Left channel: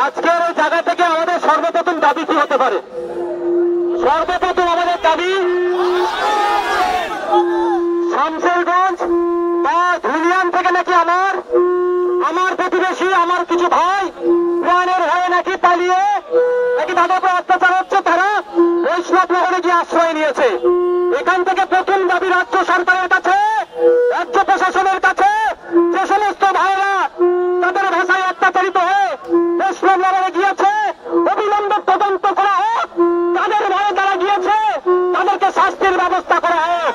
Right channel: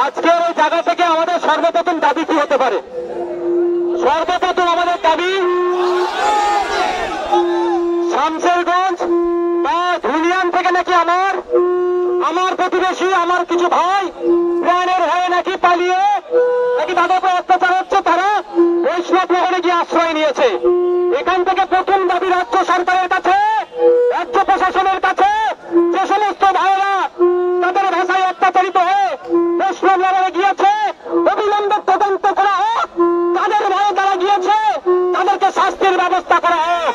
আজকের এই জায়গা থেকে আমাদের সর্বপ্রথম দাবি কি হতে পারে? সর্বপ্রথম আমাদের দাবি শামশেরগঞ্জ বা ধুলিয়ান থেকে নাকি আমার প্রতিবেশী, আমার কিছু ভাই প্রাণের ভয়ে নাকি পালিয়ে নাকি তাদের উপর অত্যাচার হচ্ছে, তারা বৈষ্ণব নগরে গিয়ে আশ্রয় নিয়েছে। এখান থেকে প্রথম দাবি রাজ্য সরকারের কাছে, রাজ্য প্রশাসনের কাছে, যে সমস্ত ভাইয়েরা তাদের ভাষায় অত্যাচারিত হয়ে বৈষ্ণব নগরে গিয়েছে, অবিলম্বে তদন্ত করা হোক। তাদের ভয়ে তারা গিয়েছে, তাদেরকে শাস্তির ব্যবস্থা করা হোক।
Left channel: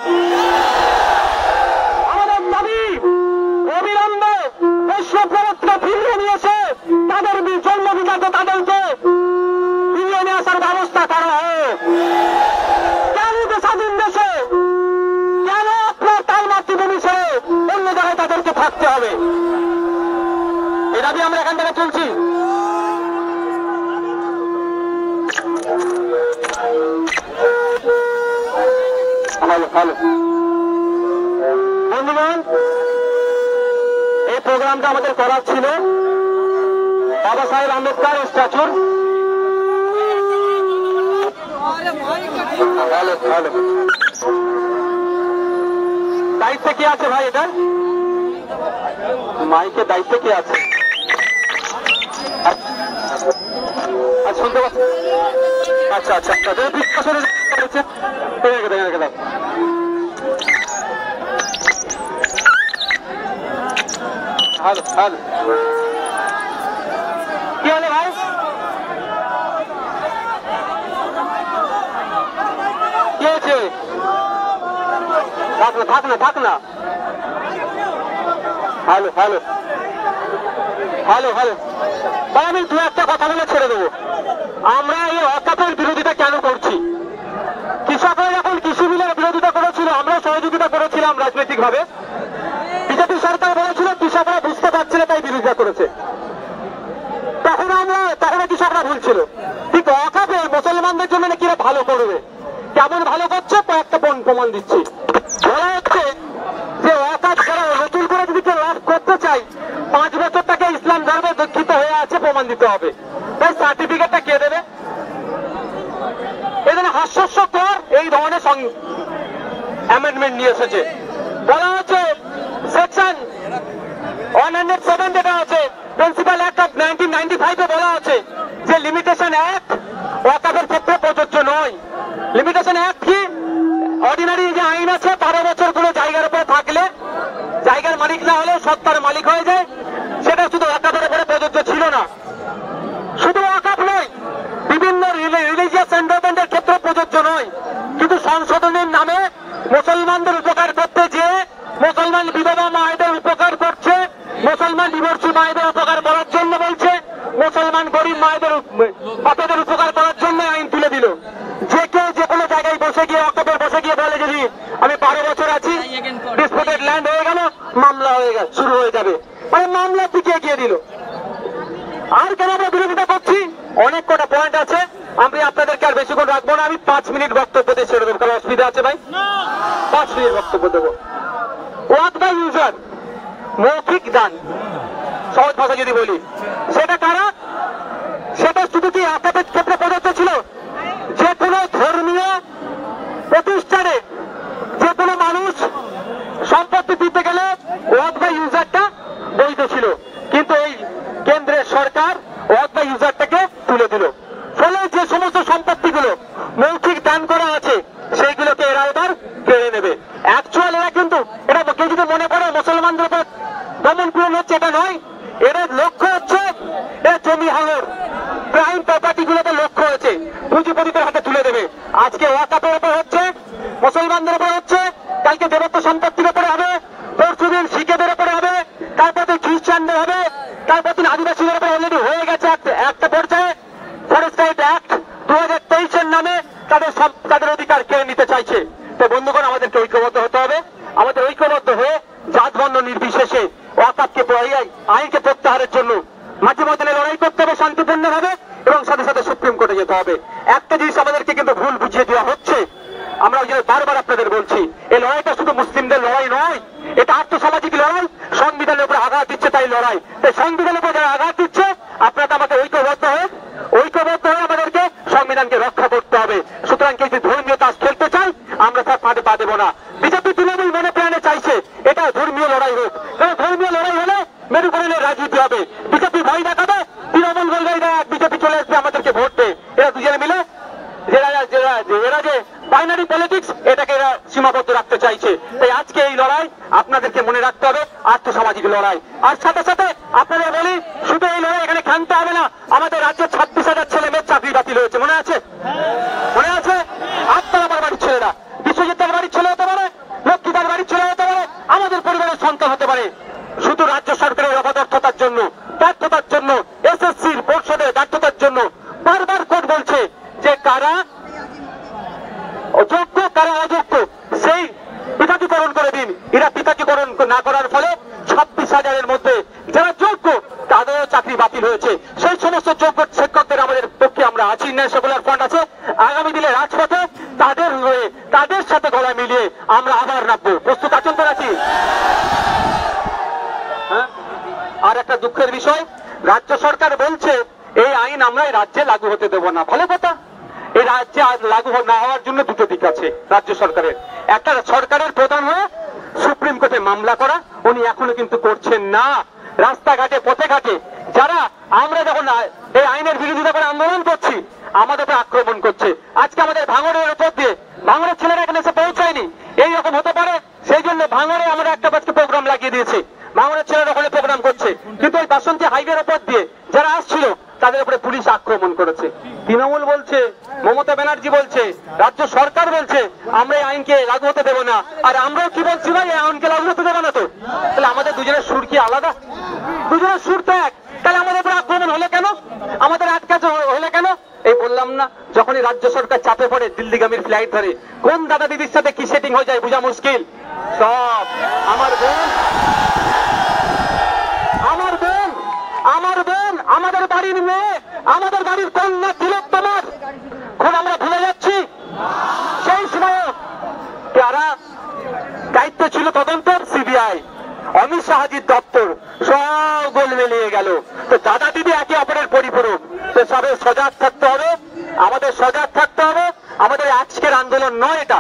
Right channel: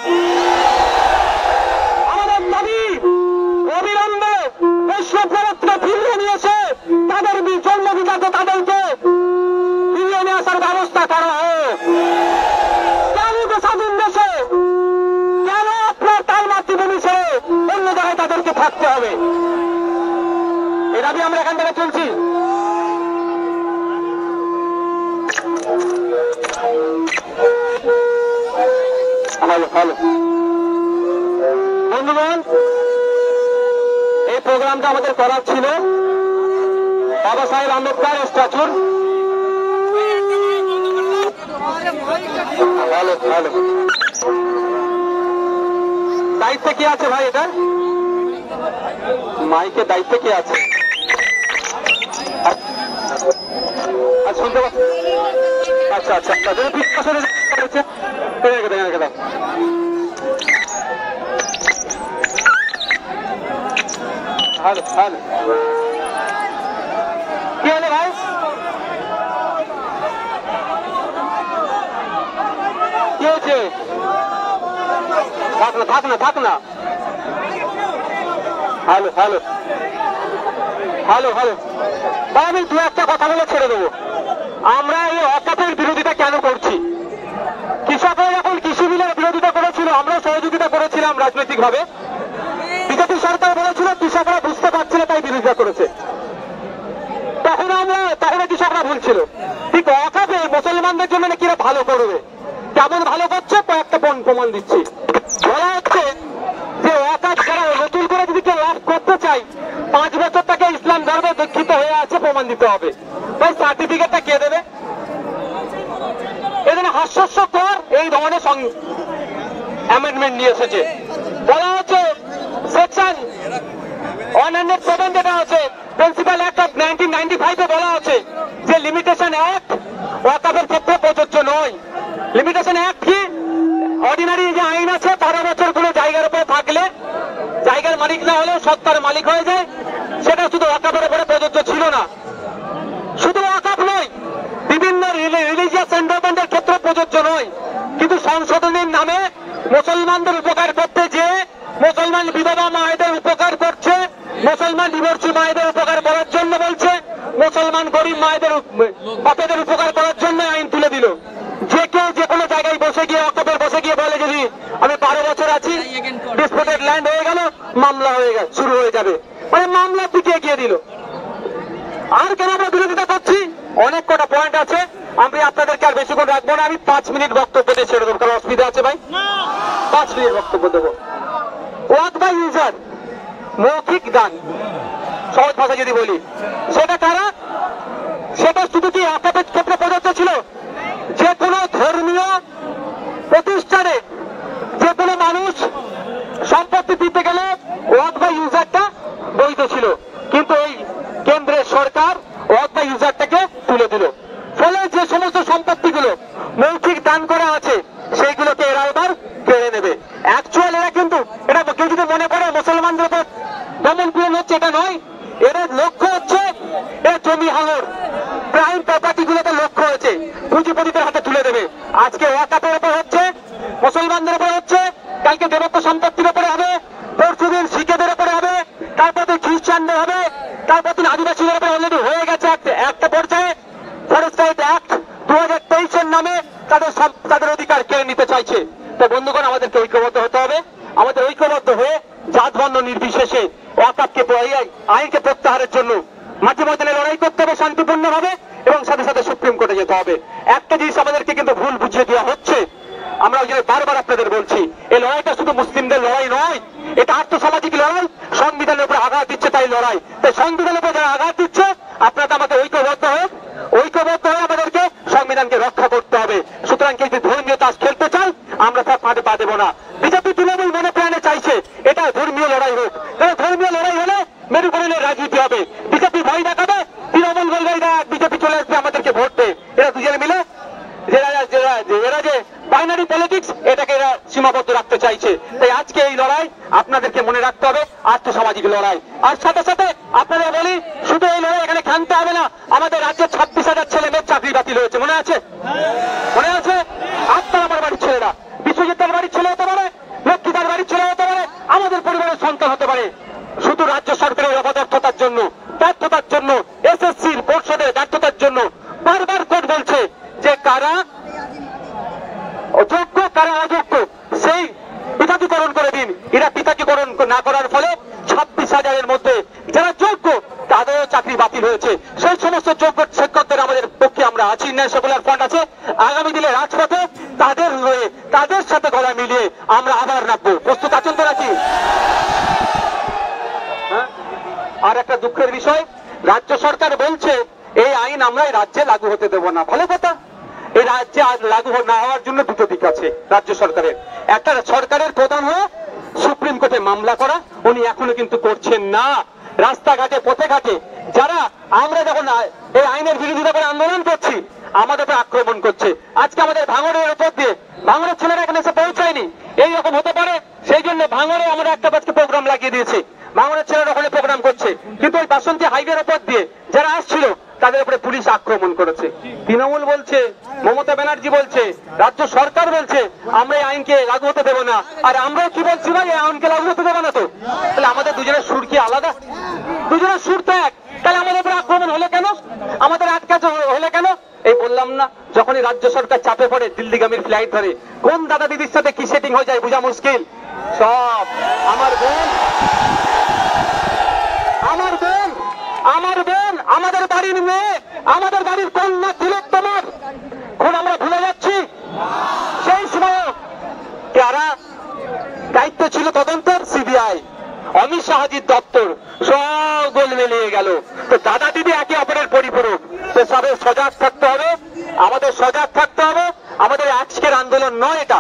আমাদের দাবি অবিলম্বে বৈষ্ণব নগরকে ফিরিয়ে নিয়েছে, তাদের জন্মবিজাত তাদেরকে ফিরিয়ে নিয়ে আসার ব্যবস্থা করা হোক। কেন স্বাধীন দেশে কেন আপনার তার মাতৃভূমি ছেড়ে অন্য জায়গায় তাদেরকে থাকতে হবে? এ দাবি আমরা এখান থেকে তুলছি। ভালো বন্ধুগণ, এই প্রোগ্রামটা আমাদের করার ছিল বাবা সাহেব আম্বেদকর স্ট্যাচুর। ভালো দায়িত্বে কে আছে ভাই? এটা মাইকের দায়িত্বে কে আছে? আচ্ছা কি হলো ভাই? কি হয়েছে? থাক না। ভালো আমি দু একটা কথা বলে ছেড়ে দেবো। আমরা এই অকাপের বিরোধিতা কেন করছি? কৃষকরা যখন কৃষি বিলের বিরোধিতা করেছিল, আমরা সহযোগিতা করেছিলাম রাজনৈতিকভাবে। বিজেপি সরকার বলেছিল কৃষকরা বুঝতে পারছিল তাই বিরোধিতা করেছে। তখন কৃষকরা ভুল ছিল। ঠিক অকাপে মুসলমানদের জন্য নাকি ভালো করবে, কেমন ভালো করছে কয়েকটা প্রমাণ দিচ্ছি। বলা হচ্ছে যে ওয়াকাফ যারা নতুন করে যদি কেউ লাভ করতে চাই, 5 বছর তাকে ইসলাম ধর্মে দীক্ষিত হয়ে আছে প্রমাণ দিতে হবে। তাই সার্টিফিকেটটা কে দেবে? এখানে হাস্যস্যকর এই ধরনের অ্যামেন্ডমেন্ট নিয়ে এসেছে। বলা হচ্ছে সেকশন 107 যেটা আছে প্রিন্সিপাল অ্যাক্ট অফ 1995 বলা আছে যে লিমিটেশন অ্যাক্ট ওয়াকাফের ক্ষেত্রে প্রযোজ্য নয়। লিমিটেশন অ্যাক্ট কি? অর্ডিনারি যে আইন আছে 12 বছর কোনো জায়গার উপরে থাকলে জায়গার মালিক না হলেও সত্তার মালিক হয়ে যায়, সেটা শুধু ওয়াকাফের উপরে প্রযোজ্য ছিল না। শুধু ওয়াকাফ নয়, বিভিন্ন রিলিজিয়াস এন্ডোমেন্টের ক্ষেত্রে প্রযোজ্য নয়। কিন্তু সংশোধনের নামে মুসলমানদের উপকার করতে যে মুসলমান বিধবা মায়েদের উপকার করছে, মুসলমান ডিভোর্সি মায়েদের উপকার করার জন্য বলছে, মুসলমান গরিব মায়েদের বাচ্চাদের উপকার করার জন্য আইন তুলে দিল। যে কেউ যে কোনো জায়গায় বসে গিয়ে অকাপের বসে গিয়ে বলে যদি আমি 12 বছর আছি, ডিসপুটেড ল্যান্ড হয়ে গেল, মামলা শুরু হয়ে যাবে, মানে মামলার দিকে এগিয়ে দিল। আর কেন আমরা বিরোধিতা করছি? অনেক কটা পয়েন্ট আছে, আমি আপনাদেরকে আর বেশিক্ষণ রাখবো না। আমি 5 মিনিট বক্তব্য দিয়ে ছেড়ে দেবো, কারণ অসুবিধা আছে ভাই। 5 মিনিট বক্তব্য দেবো। ওয়াক বাই ইউজার, মৌখিক দান, সহজ ভাষা যদি বলি, সেটা কারা? সেটা শুধু কি ওয়াকাফের ক্ষেত্রে প্রযোজ্য ছিল? যে কোনো ধর্মীয় প্রতিষ্ঠানে যে কোনো মানুষ সম্পত্তি দিতে গেলে ওয়াক বাই ইউজারটা বৈধ ছিল, কিন্তু এই কেন্দ্রের সরকার ওয়াক বাই ইউজারটাকে তুলে দিল। ফলে যে সমস্ত সম্পত্তিগুলো মৌখিক দান করা আছে সেইগুলোকে এরা এবার কেড়ে নেবে। অ্যাকচুয়াল এরা কিন্তু এটা কেউ যদি মনে করে মুসলমানদের উপর দমন পীড়ন হচ্ছে, এটা নয়। এদের লক্ষ্য হচ্ছে এর জমি হাঙর, প্রাইম প্রপার্টি গুলোতে লক্ষ্য হয়েছে পুঁজিপতিদের হাতে তুলে দেবে। আজকে ওয়াকাফের উপর হচ্ছে, মুসলমানদের উপর হচ্ছে, কালকে দেবত্ব সম্পত্তির উপরে হবে, পরশুদিন শিখেদের উপরে হবে, তারপর খ্রিস্টানদের হবে, তারপর আদিবাসীদের উপরে অলরেডি হয়ে গেছে একটা পর্যায়ে। ফরেস্ট রাইট অ্যাক্ট 2023 নামে তাদের অধিকার কেড়ে নিতে চাইছে। তো বন্ধুগণ, আমাদেরকে ঐক্যবদ্ধ হতে হবে। আমাদের ঐক্যবদ্ধ হয়ে জাত বর্ণ নির্বিশেষে ওয়াকাফকে আইনকে প্রত্যাহারের জন্য মাঝে ময়দানে লড়াই করতে হবে শান্তিপূর্ণভাবে, এবং সাথে সাথে সুপ্রিম কোর্টে যেতে হবে। একটা জিনিস আমাদেরকে কিন্তু ভুল বুঝিয়ে দেওয়া হচ্ছে, আমরা ওই জন্য বারবার আপনাদের বলছি, এই লড়াইটা শুধু মুসলিমদের লড়াই নয়, এটা আর্থসামাজিক লড়াই। সংবিধানের উপর আঘাত দিচ্ছে তাই লড়াই। তাই সংবিধানের উপর যারা আঘাত দিচ্ছে, আপনারা আমাকে ঐক্য ঐক্যবদ্ধ হয়ে আমাদেরকে সংবিধানকে রক্ষা করতে হবে। সুতরাং কেউ যদি ধর্মীয় তাস খেলতে চাই আমরা তার ফাঁদে পা দেবো না। বিজেপি তৃণমূল মনে প্রাণে চাইছে এটা ধর্মীয় লড়াই হোক, কারণ ধর্মীয় লড়াই হলে মেরুকরণের রাজনীতি হবে। বিজেপি ভয় দেখাবে, তৃণমূল বলবে বিজেপি চলে আসবে আমাদেরকে ভোট দেয়। এরা দুজনে মিলে এরা যে বাইনারি পলিটিক্স এটাকে এরা সীমাবদ্ধ রাখতে চাইছে। তাই আজকে এই লড়াই আপনাদেরকে মনে রাখতে হবে আর্থসামাজিক লড়াই। আর সাথে সাথে আপনাদের বলি, শুধু এই লড়াই এখানে ক্ষান্ত হবে না। আমাদের রাজ্যে 26,000 ছেলে মেয়ের চাকরি বাতিল হয়েছে, মনে আছে? মনে আছে? আপনাদের বাড়ির ছেলেরা বিশ্বজিতের বাড়ির ছেলে হতে পারে, লক্ষ্মীদার বাড়ির ছেলে হতে পারে, আমাদের পরিবারের সন্তান হতে পারে। শুধু রাজ্য সরকারের অপদার্থতার জন্য, ব্যর্থতার জন্য, এসএসসির পরিষদের ব্যর্থতার জন্য বারবার কোর্ট বলছে যে কারা যোগ্য কারা অযোগ্য সেই পৃথকীকরণ করে দিন। এরা পৃথকীকরণ না করার ফলে 26,000-এর মধ্যে যারা যোগ্য তাদেরও চাকরি বাতিল হয়েছে। সেই সমস্ত যোগ্য শিক্ষকদের আমাদের পক্ষে আমরা আছি, সেকুলার ফ্রন্ট আছে। আগামী দিনে রাজপথে তাদের হয়ে তাদের সাথে গলা মিলিয়ে আমরা আবার নামবো। প্রস্তুত আছেন তো নাকি? আর একটা দুঃখের বিষয়, রাজ্য সরকার বলছে এই আইন আমরা এই রাজ্যে লাগু হতে দেব না। ভালো কথা, এই রাজ্যে লাগু না হওয়ার জন্য দুটো দিক আছে রাজ্য সরকারের। একটা, সরকারের প্রধান হয়ে সুপ্রিম কোর্টে মামলা করা, উনি এখনো কিন্তু করছেন না। রাস্তাঘাটে পথে ঘাটে যারা আমরা যখন এই আইনের বিরোধিতা করে আন্দোলন করছি আমাদের উপর আক্রমণ করছে। আজকে আমাদের ভাঙড়ের উপর দিয়ে ভাঙড়ের ছেলেরা এখানে এসে পৌঁছায়নি, এইরকম হতে পারে সেই জন্য ভাঙড়ে আমরা একটা প্রোগ্রাম লাগিয়ে দিয়েছি। ভাঙড়ের ছেলেরা ওখানে প্রোগ্রাম করছে, কিন্তু ওই বাসন্তী হাইওয়ের উপর দিয়ে যারা আসছিল তাদের উপরে পুলিশ আক্রমণ করেছে। তৃণমূল বলছে, মমতা ব্যানার্জি বলছে, রাজ্য সরকার বলছে আমরা এই আইনকে লাগু হতে দেবো না। আর আমরাও কি বলছি ভাই, এই আইনকে লাগু হতে দেবো না। তো তাহলে আমাদের দুজনের সুর কি আলাদা? দুজনের সুর তো এক, তাহলে আমাদের উপরে আক্রমণ হলো কেন? আমাদের আটকাতে হলে কেন? এই বললাম না, যখনই রাজ্য সরকার চাপে পড়ে দিল্লিগামীর ফ্লাইট ধরে কোন দাদা দিদির সাথে কি সেটিং হয়ে যায় বোঝা মুশকিল। সব আমার বোন, আমাদের বাড়ির মেয়ে, আমাদের বাড়ির কন্যা তিলোত্তমার খুন আমরা ভুলে যাচ্ছি। সেই সময় যারা দায়িত্ব ছিল তদন্তের সিবিআই, অমিত শাহজির দপ্তর, সব গোল মিলিয়ে গেল। তো দাদা দিদি একে অপরের পরিপূরক। তো সবে সজাগ থাকতে হবে, আমাদের সজাগ থাকতে হবে। আমাদের আজকের আন্দোলন নয় এটা,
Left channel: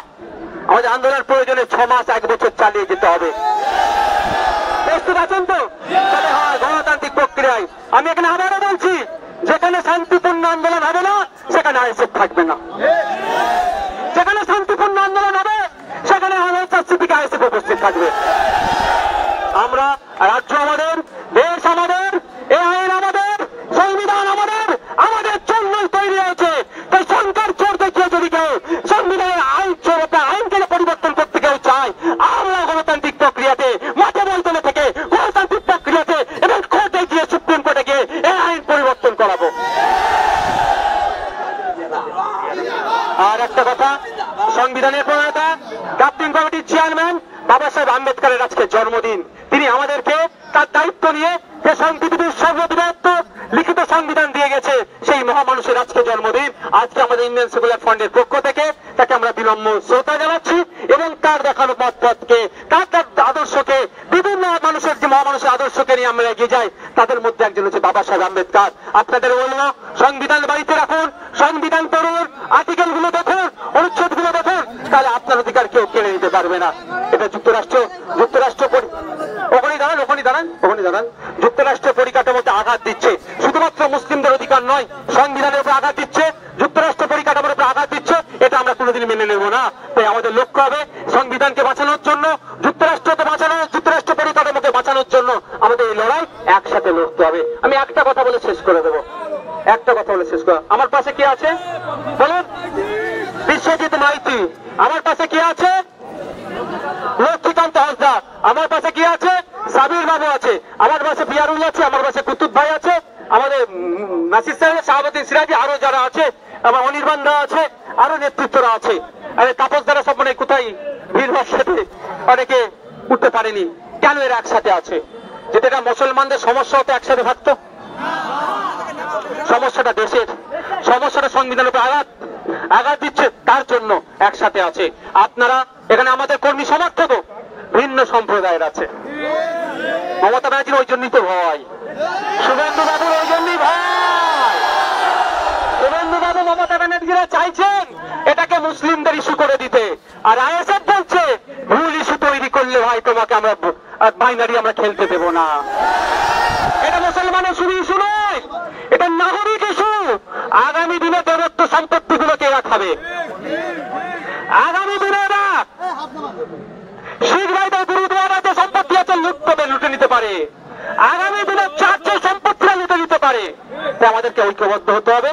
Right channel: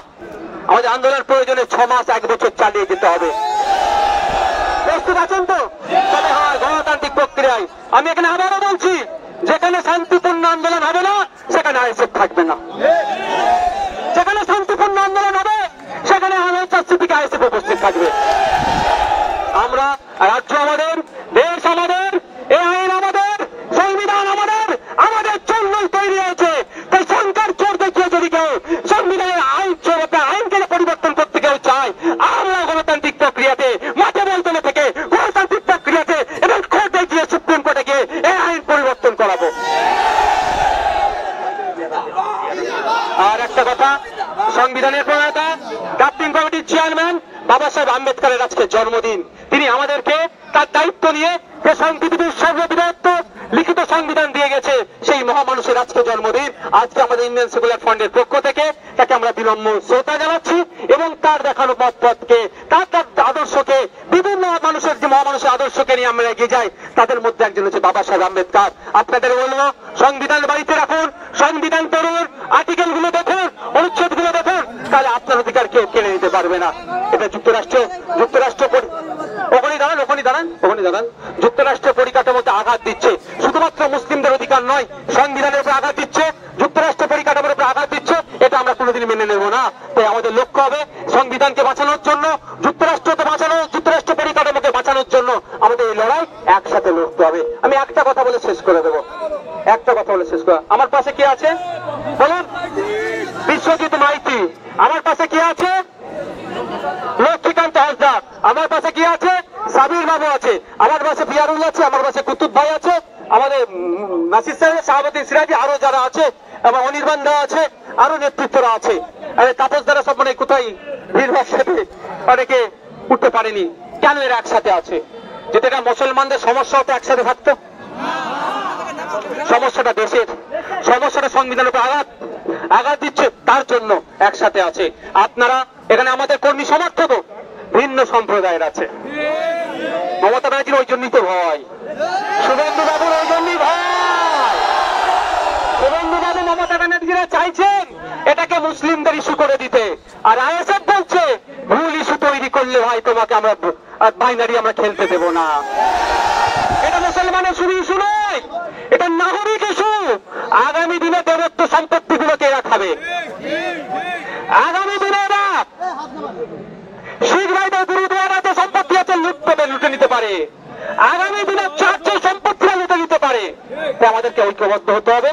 আমাদের আন্দোলন প্রয়োজনে 6 মাস 1 বছর চালিয়ে যেতে হবে। প্রস্তুত আছেন তো? তবে হয় গণতান্ত্রিক প্রক্রিয়ায়। আমি এখানে আবারও বলছি, যেখানে শান্তিপূর্ণ আন্দোলন হবে না সেখানে আইএসএফ থাকবে না। যেখানে শান্তিপূর্ণ আন্দোলন হবে সেখানে আইএসএফ উপস্থিত থাকবে। আমরা রাজ্য আমাদের, দেশ আমাদের, এই আইন আমাদের, সংবিধান আমাদের, আমাদের জন্যই তৈরি হয়েছে। তাই সংখ্যার চোর দেখিয়ে যদি কেউ সংবিধানের আইনকে পরিবর্তন করতে কেউ চায়, আমরা গণতান্ত্রিক প্রক্রিয়াতে মাঠে ময়দানে থেকে গণতান্ত্রিক প্রক্রিয়াতে এবং কোর্টে গিয়ে সুপ্রিম কোর্টে গিয়ে এই আইন পরিবর্তন করাবো। আর একটা কথা, সংবিধানের প্রণেতা ড্রাফটিং কমিটির চেয়ারম্যান বাবা সাহেব আম্বেদকরের আজকে জন্মদিন। তিনি আমাদেরকে তার দায়িত্ব নিয়ে যে পৃথিবীর সর্ববৃহৎ লিখিত সংবিধান দিয়ে গেছে, সেই মহামানুষের আজকে জন্মদিন। আজকে আমাদের ইন্ডিয়ান সেকুলার ফ্রন্টের পক্ষ থেকে তাকে আমরা বিনম্র শ্রদ্ধা জানাচ্ছি এবং তার দেখানো পথকে, তার আদর্শকে, বিভিন্ন মানুষের যে মহামানুষের আদর্শকে নিয়ে আমরা এগিয়ে যাই, তাদের মধ্যে একজন হচ্ছে বাবা সাহেব আম্বেদকর। আপনাদের বলবো, সংবিধান বাড়িতে রাখুন, সংবিধান পড়ুন, আর্টিকেল গুলো দেখুন, অনুচ্ছেদ গুলো দেখুন, তাহলে আপনার অধিকার কেউ কেড়ে নিতে পারবে না। এটা যুক্তরাষ্ট্র ওখানে দাঁড়ান যুক্তরাষ্ট্র পরিকাঠামোতে আঘাত দিচ্ছে। শুধুমাত্র মুসলিমদের অধিকার নয়, সংবিধানের উপর আঘাত দিচ্ছে, যুক্তরাষ্ট্র পরিকাঠামোর উপর আঘাত দিচ্ছে। এটা আমরা কোনোদিন মেনে নেব না। তাই আমাদের লক্ষ্য হবে সংবিধানকে বাঁচানোর জন্য, যুক্তরাষ্ট্রকে বাঁচানো, যুক্তরাষ্ট্র পরিকাঠামোকে বাঁচানোর জন্য আমাদের এই লড়াই একসাথে লড়তে হবে। আমি একটা কথা বলে শেষ করে দেবো, আমার পাশে কি আছে বলুন? বিশ্বজিৎ মাইতি। আমার পাশে কি আছে? লক্ষ্মীকান্ত হাসদার। আমার পাশে কি আছে? সাবির বাবু আছে। আমার পাশে পিয়ারুল আছে। আমার পাশে কুতুব ভাই আছে। আমাদের নাসির সাহেব, শাহাবুদ্দিন সিরাজি, আরো যারা আছে, আমার অনির্বাণ দা আছে, আরো নেতৃত্বরা আছে। আরে তাপস দ্বারা সব মানে কোথায় ভিড়ভাড় সাথে অনেকে উঠতে পারেনি। কেন এরা একসাথে আছে? যেটা মুসলমানদের সমস্যা হতো একসাথে থাকতো। সমস্যাটা দেশের, সমস্যাটা সংবিধানের উপর আঘাত দিচ্ছে, তার জন্য একসাথে আছে। আপনারা এখানে আমাদের কর্মী সমর্থক ভিন্ন সম্প্রদায়ের আছে। মমতা ব্যানার্জির ওই জন্যই তো ভয়, শুভেন্দু বাবুর ওই জন্যই ভয়। মমতা ব্যানার্জিরা চাইছেন এটাকে মুসলিমদের ইস্যু করে দিতে, আর আইএসএফ বলছে ভুল ইস্যু তৈরি করলে ভাই তোমাকে আমরা বাইনারি আমরা খেলতে দেব না। এটা মুসলমানের শুধু ইস্যু নয়, এটা নাগরিক ইস্যু। আগামী দিনে দেবত্ব সম্পত্তিগুলোকে এরা খাবে। আগামী দিনে এরা শিখ ভাইদের গুরুদুয়ারা যে সম্পত্তি আছে লুটে নিতে পারে। আগামী দিনে চার্চের সম্পত্তিরা লুটে নিতে পারে। তাই আমাদেরকে ঐক্যবদ্ধ হতে হবে।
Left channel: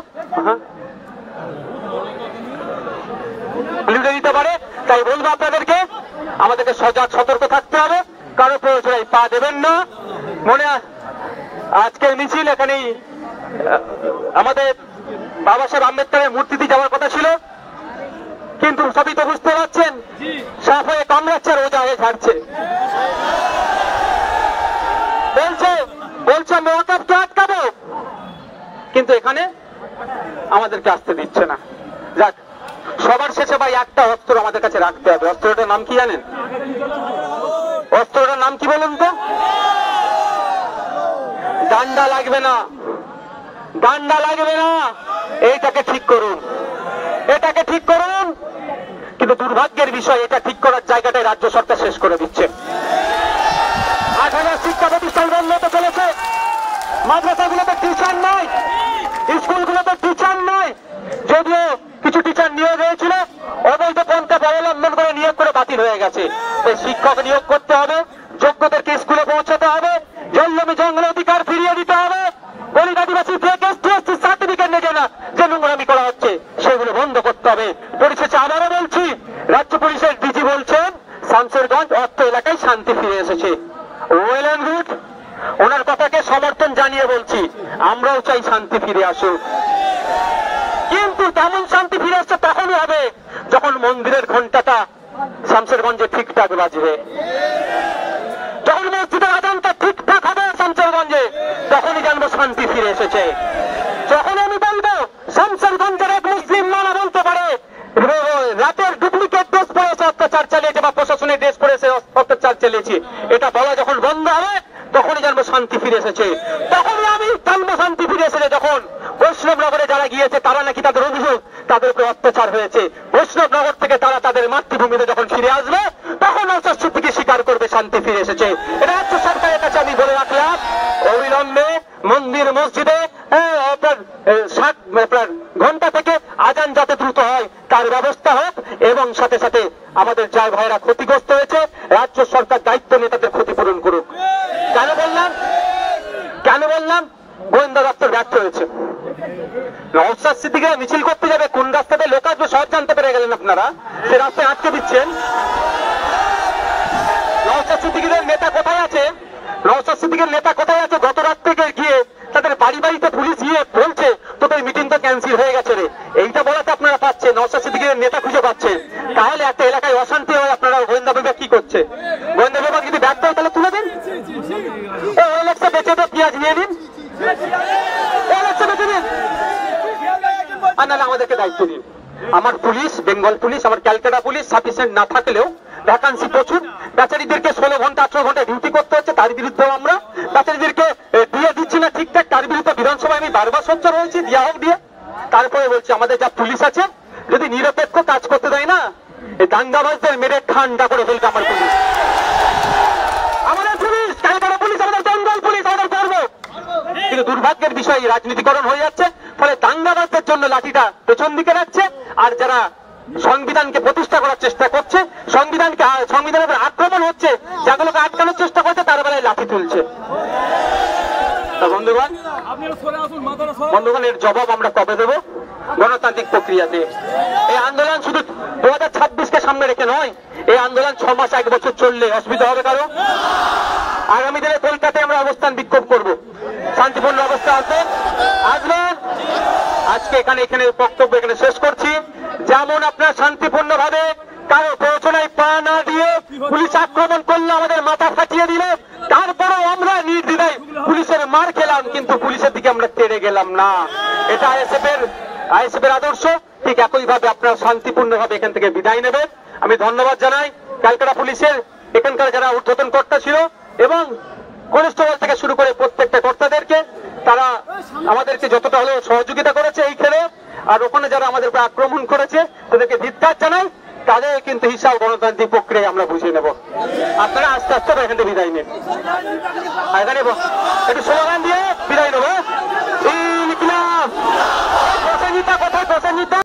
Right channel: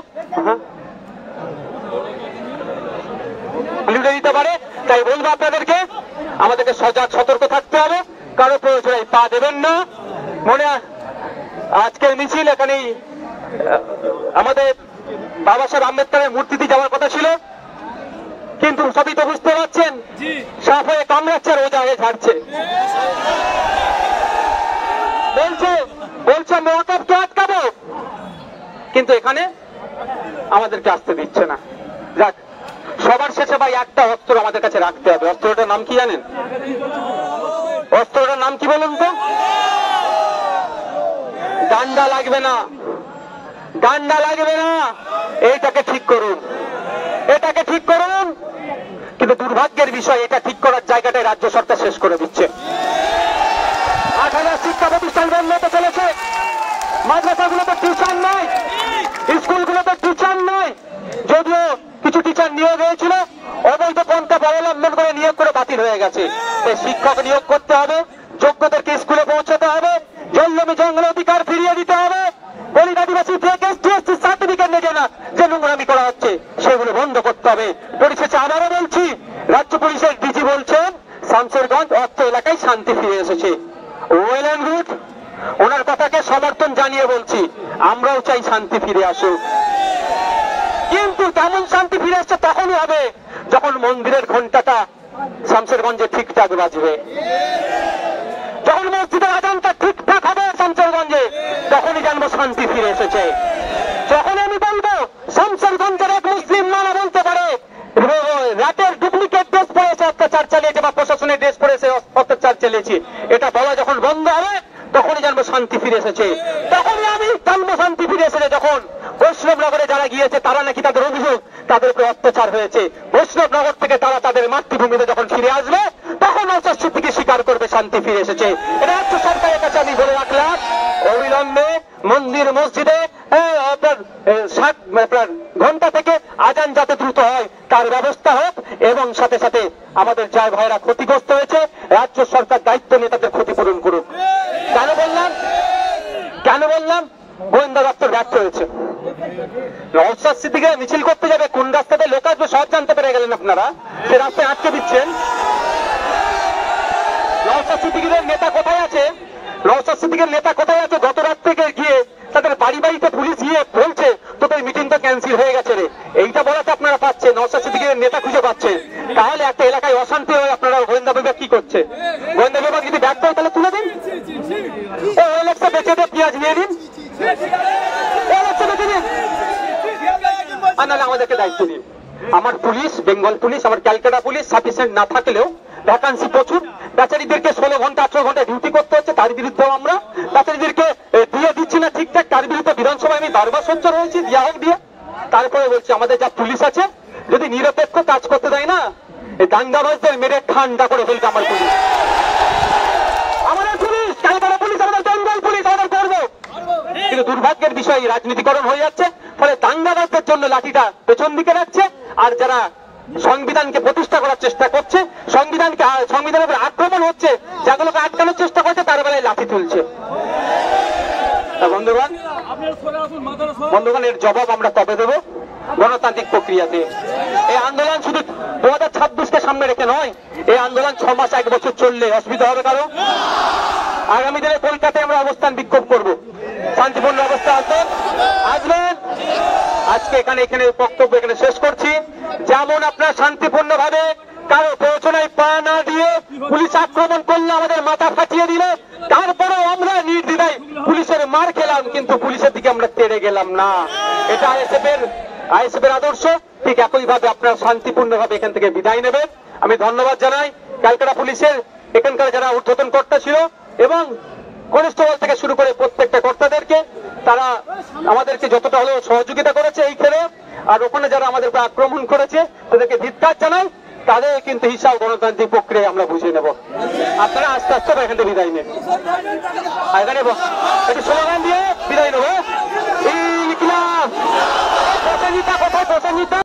লুটে দিতে পারে, তাই বলবো আপনাদেরকে আমাদেরকে সজাগ সতর্ক থাকতে হবে। কারো প্রয়োজনে পা দেবেন না। মনে আজকের মিছিল এখানেই আমাদের বাবা সাহেব আম্বেদকরের মূর্তিতে যাওয়ার কথা ছিল, কিন্তু সবই তো বুঝতে পারছেন সাফ হয়ে কামড়াচ্ছে আর ওজা হয়ে ঝাড়ছে। বলছে মেয়রকে আটকাবো, কিন্তু এখানে আমাদেরকে আসতে দিচ্ছে না। যাক, সবার শেষে ভাই একটা অস্ত্র আমাদের কাছে রাখতে হবে। অস্ত্রটার নাম কি জানেন? অস্ত্রটার নাম কি বলুন তো? ডান্ডা লাগবে না, ডান্ডা লাগবে না। এইটাকে ঠিক করুন, এটাকে ঠিক করুন। কিন্তু দুর্ভাগ্যের বিষয়, এটা ঠিক করার জায়গাটাই রাজ্য সরকার শেষ করে দিচ্ছে। 8,000 শিক্ষা প্রতিষ্ঠান বন্ধ হতে চলেছে। মাদ্রাসাগুলোতে টিচার নাই, স্কুলগুলোতে টিচার নাই। যদিও কিছু টিচার নিয়োগ হয়েছিল, অবৈধ পন্থা অবলম্বন করে নিয়োগ করে বাতিল হয়ে গেছে। তাই শিক্ষক নিয়োগ করতে হবে, যোগ্যদেরকে স্কুলে পৌঁছাতে হবে, জঙ্গলমি জঙ্গল অধিকার ফিরিয়ে দিতে হবে। দলিত আদিবাসী থেকে এসটি সার্টিফিকেট নেবে না যে নোংরামি করা হচ্ছে, সেগুলো বন্ধ করতে হবে। পরিশেষে আবারও বলছি, রাজ্য পুলিশের ডিজি বলছেন শামশেরগঞ্জ অর্থ এলাকায় শান্তি ফিরে এসেছে। ওয়েল এন্ড গুড, ওনার কথাকে সমর্থন জানিয়ে বলছি আমরাও চাই শান্তি ফিরে আসুক। কিন্তু তেমন শান্তি ফিরে আসছে তখনই হবে যখন মন্দিরের ঘন্টাটা শামশেরগঞ্জে ঠিকঠাক বাজবে, যখন মসজিদের আজানটা ঠিকঠাক হবে শামশেরগঞ্জে, তখনই জানবো শান্তি ফিরে এসেছে। যখন আমি বলবো শামশেরগঞ্জের এক মুসলিম নানা বলতে পারে রাতের ডুপ্লিকেট ড্রেস পরেছে অত্যাচার চালিয়েছে, বা প্রশাসনের ড্রেস পরেছে অত্যাচার চালিয়েছে, এটা বলা যখন বন্ধ হবে তখনই জানবো শান্তি ফিরে এসেছে। তখনই আমি জানবো শান্তি ফিরে এসেছে যখন বৈষ্ণবনগরে যারা গিয়েছে তারা নাকি তাদের অভিযোগ তাদের উপরে অত্যাচার হয়েছে, বৈষ্ণবনগর থেকে তারা তাদের মাতৃভূমিতে যখন ফিরে আসবে তখন অস্বস্তিকে স্বীকার করবে শান্তি ফিরে এসেছে। এটা রাজ্য সরকারের কাছে আমি বলে রাখলাম, অবিলম্বে মন্দির মসজিদে আপনার ঘন্টা থেকে আজান যাতে দ্রুত হয় তার ব্যবস্থা হোক, এবং সাথে সাথে আমাদের যার ভাইরা ক্ষতিগ্রস্ত হয়েছে রাজ্য সরকার দায়িত্ব নিয়ে তাদের ক্ষতিপূরণ করুক। কেন বললাম গোয়েন্দা দপ্তর ব্যর্থ হয়েছে। নওশাদ সিদ্দিকীরা মিছিল করতে যাবে, কোন রাস্তাতে লোক আসবে সব জানতে পেরে গেলেন আপনারা, সে রাস্তায় আটকে দিচ্ছেন। নওশাদ সিদ্দিকীদের নেতা কোথায় আছে? নওশাদ সিদ্দিকের নেতা কোথায় আছে? গত রাত থেকে গিয়ে তাদের বাড়ি বাড়িতে পুলিশ গিয়ে বলছে তোদের মিটিং তো ক্যান্সেল হয়ে গেছে রে, এইটা বলাতে আপনারা পাচ্ছেন নওশাদ সিদ্দিকীর নেতা খুঁজে পাচ্ছেন। তাহলে একটা এলাকায় অশান্তি হয়ে আপনারা গোয়েন্দা বিভাগ কি করছে? গোয়েন্দা বিভাগ যদি ব্যর্থ হয় তাহলে তুলে দিন, ওলেক্সা বেঁচে দিয়ে পেঁয়াজ নিয়ে নিন, ওলেক্সা বেঁচে দিন, আমাদেরকে দায়িত্ব দিন। আমার পুলিশ, বেঙ্গল পুলিশ, আমার ক্যালকাটা পুলিশ সাফিসিয়েন্ট না থাকলেও ভ্যাকান্সি প্রচুর, বেচারীদেরকে 16 ঘন্টা 18 ঘন্টা ডিউটি করতে হচ্ছে, তার বিরুদ্ধেও আমরা বেচারীদেরকে দিয়ে দিচ্ছি না ঠিকঠাক, তার বিরুদ্ধে বিধানসভায় আমি বারবার সোচ্চার হয়েছি, দিয়া হোক দিয়ে। তারপরে বলছি আমাদের যা পুলিশ আছে যদি নিরপেক্ষ কাজ করতে দেয় না, এই দাঙ্গাবাজদের মেরে ঠান্ডা করে ফেলতে আমার পুলিশ, আমাদের পুলিশ, ক্যালকাটা পুলিশ, আমাদের বেঙ্গল পুলিশ আমাদের করবো। কিন্তু দুর্ভাগ্যের বিষয় রাজনীতিকরণ হয়ে যাচ্ছে, ফলে দাঙ্গাবাজদের জন্য লাঠিটা পেছন দিকে রাখছে, আর যারা সংবিধানকে প্রতিষ্ঠা করার চেষ্টা করছে, সংবিধানের উপর আক্রমণ হচ্ছে, যাগুলোকে আটকানোর চেষ্টা করছে তার বেলায় লাঠি তুলছে। বন্ধুগণ, এর জবাব আমরা কবে দেব? গণতান্ত্রিক প্রক্রিয়াতে। এই আন্দোলন শুধু 2026কে সামনে রেখে নয়, এই আন্দোলন 6 মাস 1 বছর চললে অসুবিধা হবে কারো? আগামী দিনে কলকাতায় আমরা অবস্থান বিক্ষোভ করব, শান্তিপূর্ণ অবস্থা আসবেন। আজকে এখানে বক্তব্য এখানে শেষ করছি। যেমন আপনার শান্তিপূর্ণ ভাবে কারো প্ররোচনায় পা না দিয়ে পুলিশ আক্রমণ করলে আমাদের মাথা ফাটিয়ে দিল, তারপরেও আমরা নির্দ্বিধায় পুলিশের মার খেলাম, কিন্তু পুলিশের দিকে আমরা তেড়ে গেলাম না। এটা আইএসএফ এর আদর্শ। ঠিক একইভাবে আপনারা শান্তিপূর্ণভাবে এখান থেকে বিদায় নেবেন। আমি ধন্যবাদ জানাই ক্যালকাটা পুলিশের এখানকার যারা ঊর্ধ্বতন কর্তা ছিল এবং কনস্টেবল থেকে শুরু করে প্রত্যেকটা কর্তাদেরকে। তারা আমাদেরকে যতটা হলেও সহযোগিতা করেছে এই খেলে, আর ওখানে যারা আমাদের উপর আক্রমণ করেছে তাদেরকে ধিক্কার জানাই। তাদের কিন্তু হিসাব গণতান্ত্রিক প্রক্রিয়ায় আমরা বুঝিয়ে নেব। আপনারা আস্তে আস্তে এখান থেকে বিদায় নেন, এখানে একটু স্লোগান দিয়ে বিদায় নেবো। ইনকিলাব, কোথায় নিতে